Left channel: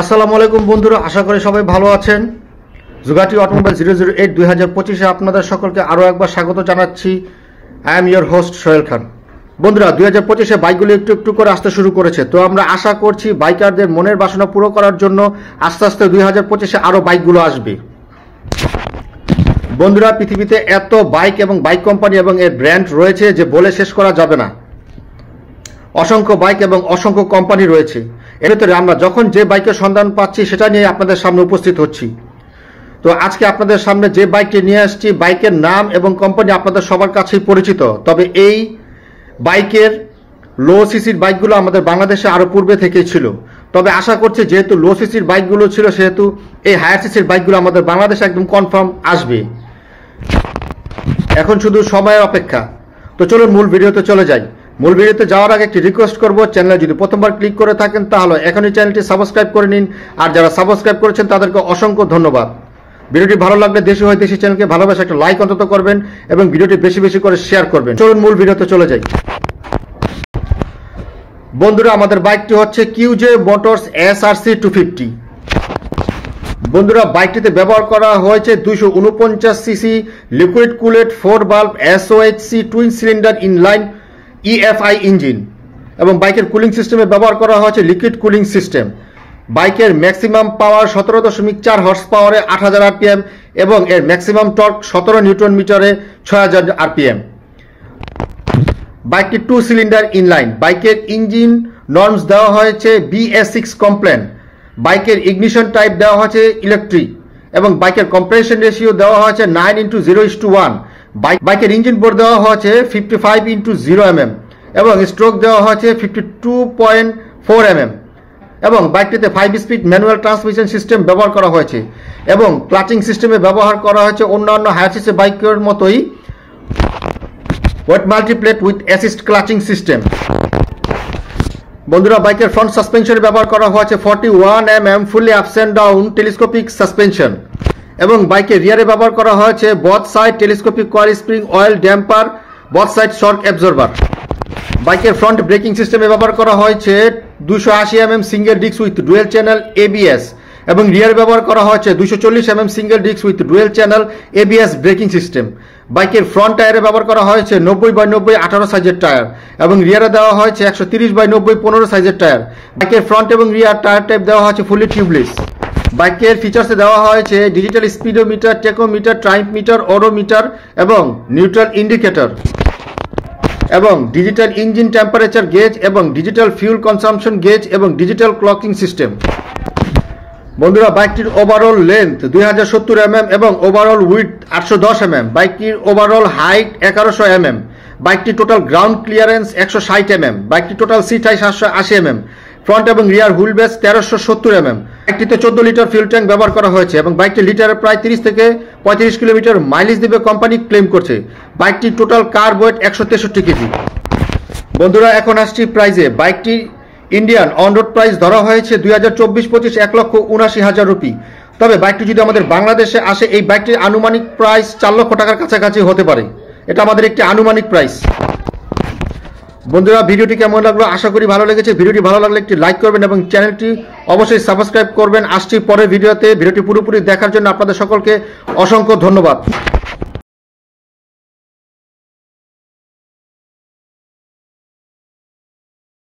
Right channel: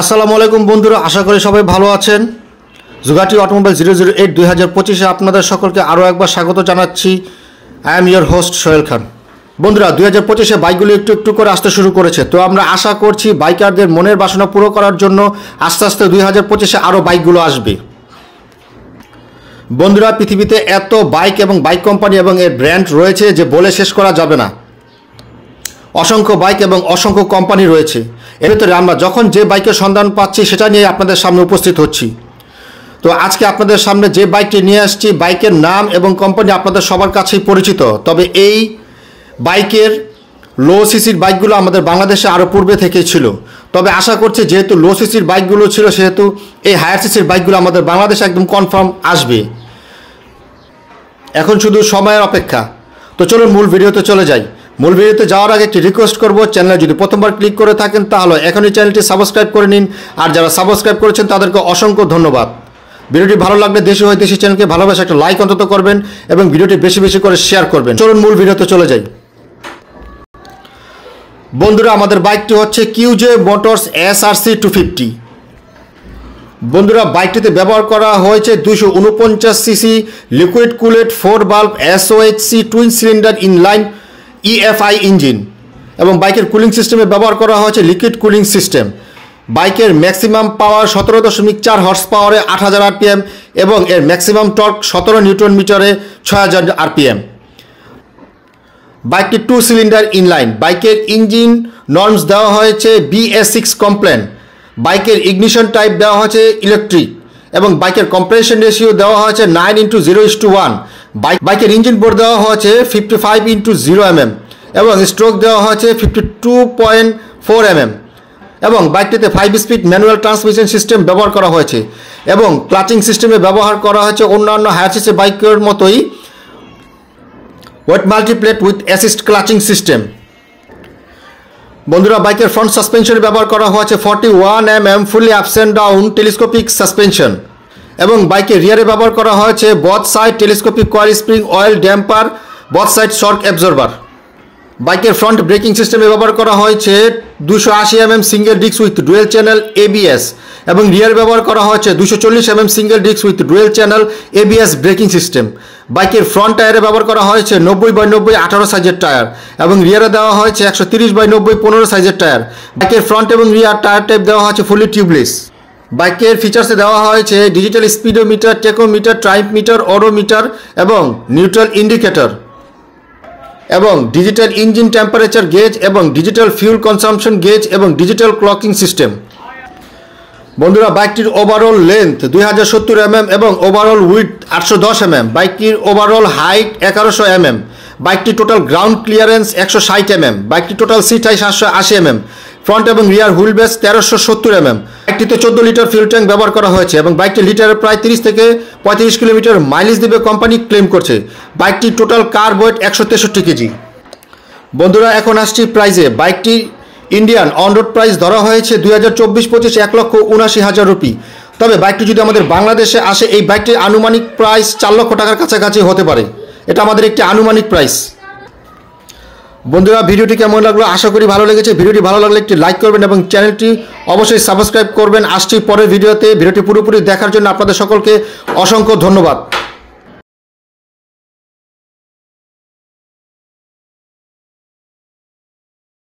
আসসালামু আলাইকুম বন্ধুরা, আশা করি সবাই ভালো আছেন। জুগাটি অটোমোবাইল 008 2025 আপনাদের সকলকে আরও একবার স্বাগত জানাচ্ছি। I am your host Sohel Khan. বন্ধুরা, 2025 বাইকগুলি একটু একটু করে আসতে শুরু করেছে, তো আমরা আশা করছি বাইকারদের মনের বাসনা পুরো করার জন্য আস্তে আস্তে 2025 আরও বাইকগুলো আসবে। বন্ধুরা, পৃথিবীতে এত বাইক এবং বাইক কোম্পানি এবং এর ব্র্যান্ড রয়েছে যে বলে শেষ করা যাবে না। অসংখ্য বাইক এবং অসংখ্য কোম্পানি রয়েছে। এর ভিতরে আমরা যখন যে বাইকের সন্ধান পাচ্ছি সেটা নিয়ে আপনাদের সামনে উপস্থিত হচ্ছি। তো আজকে আপনাদের সামনে যে বাইকটি নিয়ে আসছি, বাইকের নাম এবং কোম্পানি আপনাদের সবার কাছেই পরিচিত, তবে এই বাইকের লো সিসির বাইকগুলো আমাদের বাংলাদেশে আরও পূর্বে থেকেই ছিল। তবে আশা করছি যেহেতু লো সিসির বাইকগুলো ছিল, সেহেতু এই হায়ার সিসির বাইকগুলো আমাদের বাংলাদেশে একদম কনফার্ম আসবে। এখন শুধু সময়ের অপেক্ষা। তো চলুন মূল ভিডিওতে চলে যাই। মূল ভিডিওতে যাওয়ার আগে একটি রিকোয়েস্ট করব, চ্যানেলে যদি প্রথমবার ক্লিক করে থাকেন তাহলে এখনই চ্যানেলটি সাবস্ক্রাইব করে নিন, আর যারা সাবস্ক্রাইব করেছেন তাদেরকে অসংখ্য ধন্যবাদ। ভিডিওটি ভালো লাগলে দেশি হয় দেশি চ্যানেলকে ভালোবাসা একটা লাইক অন্তত করবেন এবং ভিডিওটি বেশি বেশি করে শেয়ার করবেন। চলুন মূল ভিডিওতে চলে যাই। বন্ধুরা, আমাদের বাইকটি হচ্ছে QJ মোটরস SRC 250। বন্ধুরা, বাইকটিতে ব্যবহার করা হয়েছে 249 সিসি লিকুইড কুলেড 4 বাল্ব SOHC twin cylinder inline EFI engine, এবং বাইকের কুলিং সিস্টেমে ব্যবহার করা হয়েছে লিকুইড কুলিং সিস্টেম। বাইকের ম্যাক্সিমাম পাওয়ার 17.4 হর্স পাওয়ারে 8000 RPM এবং এর ম্যাক্সিমাম টর্ক 17 নিউটন মিটারে 6000 RPM। বাইকটি 2 সিলিন্ডার ইনলাইন। বাইকের ইঞ্জিন নর্মস দেওয়া হয়েছে BS6 কমপ্লেন। বাইকের ইগনিশন টাইপ দেওয়া হয়েছে ইলেকট্রিক এবং বাইকের কম্প্রেশন রেশিও দেওয়া হয়েছে 9:0:1। বাইকের ইঞ্জিন বোর্ড দেওয়া হয়েছে 55:0 mm এবং স্ট্রোক দেওয়া হয়েছে 52.4 mm এবং বাইকটিতে 5 স্পিড ম্যানুয়াল ট্রান্সমিশন সিস্টেম ব্যবহার করা হয়েছে এবং ক্লাচিং সিস্টেমে ব্যবহার করা হয়েছে অন্যান্য হায়ার সিসি বাইকের মতোই wet multiplate with assist clutching system. বন্ধুরা, বাইকের ফ্রন্ট সাসপেনশনে ব্যবহার করা হয়েছে 41 mm fully ups and down telescopic suspension এবং বাইকের রিয়ারে ব্যবহার করা হয়েছে both side telescopic coil spring oil damper both side shock absorber. বাইকের ফ্রন্ট ব্রেকিং সিস্টেমে ব্যবহার করা হয়েছে 280 mm single disc with dual channel ABS এবং রিয়ার ব্যবহার করা হয়েছে 240 mm single disc with dual channel ABS braking system. বাইকের ফ্রন্ট টায়ারে ব্যবহার করা হয়েছে 90/90 18 সাইজের টায়ার এবং রিয়ারে দেওয়া হয়েছে 130/90 15 সাইজের টায়ার। বাইকের ফ্রন্ট এবং রিয়ার টায়ার টাইপ দেওয়া হয়েছে ফুলি টিউবলেস। বাইকের ফিচার্সে দেওয়া হয়েছে digital speedometer, tachometer, trip meter, odometer এবং নিউট্রাল ইন্ডিকেটর এবং ডিজিটাল ইঞ্জিন টেম্পারেচার গেজ এবং ডিজিটাল ফিউল কনসাম্পশন গেজ এবং ডিজিটাল ক্লকিং সিস্টেম। বন্ধুরা, বাইকটির ওভারঅল লেন্থ 2070 mm এবং ওভারঅল উইডথ 810 mm। বাইকটির ওভারঅল হাইট 1100 mm। বাইকটি টোটাল গ্রাউন্ড ক্লিয়ারেন্স 160 mm। বাইকটি total seat height 780 mm। Front এবং রিয়ার হুইল বেস 1370 mm। বাইকটিতে 14 লিটার ফিউল ট্যাঙ্ক ব্যবহার করা হয়েছে এবং বাইকটি লিটারে প্রায় 30 থেকে 35 কিলোমিটার মাইলেজ দেবে কোম্পানি ক্লেম করছে। বাইকটির টোটাল কার ওয়েট 163 কেজি। বন্ধুরা, এখন আসছি প্রাইজে। বাইকটি ইন্ডিয়ান অন রোড প্রাইস ধরা হয়েছে 2024-25 1,79,000 রুপি। তবে বাইকটি যদি আমাদের বাংলাদেশে আসে, এই বাইকটির আনুমানিক প্রাইস 4 লক্ষ টাকার কাছাকাছি হতে পারে। এটা আমাদের একটি আনুমানিক প্রাইস। বন্ধুরা, ভিডিওটি কেমন লাগলো? আশা করি ভালো লেগেছে। ভিডিওটি ভালো লাগলে একটি লাইক করবেন এবং চ্যানেলটি অবশ্যই সাবস্ক্রাইব করবেন। আসছি পরের ভিডিওতে। ভিডিওটি পুরোপুরি দেখার জন্য আপনাদের সকলকে অসংখ্য ধন্যবাদ।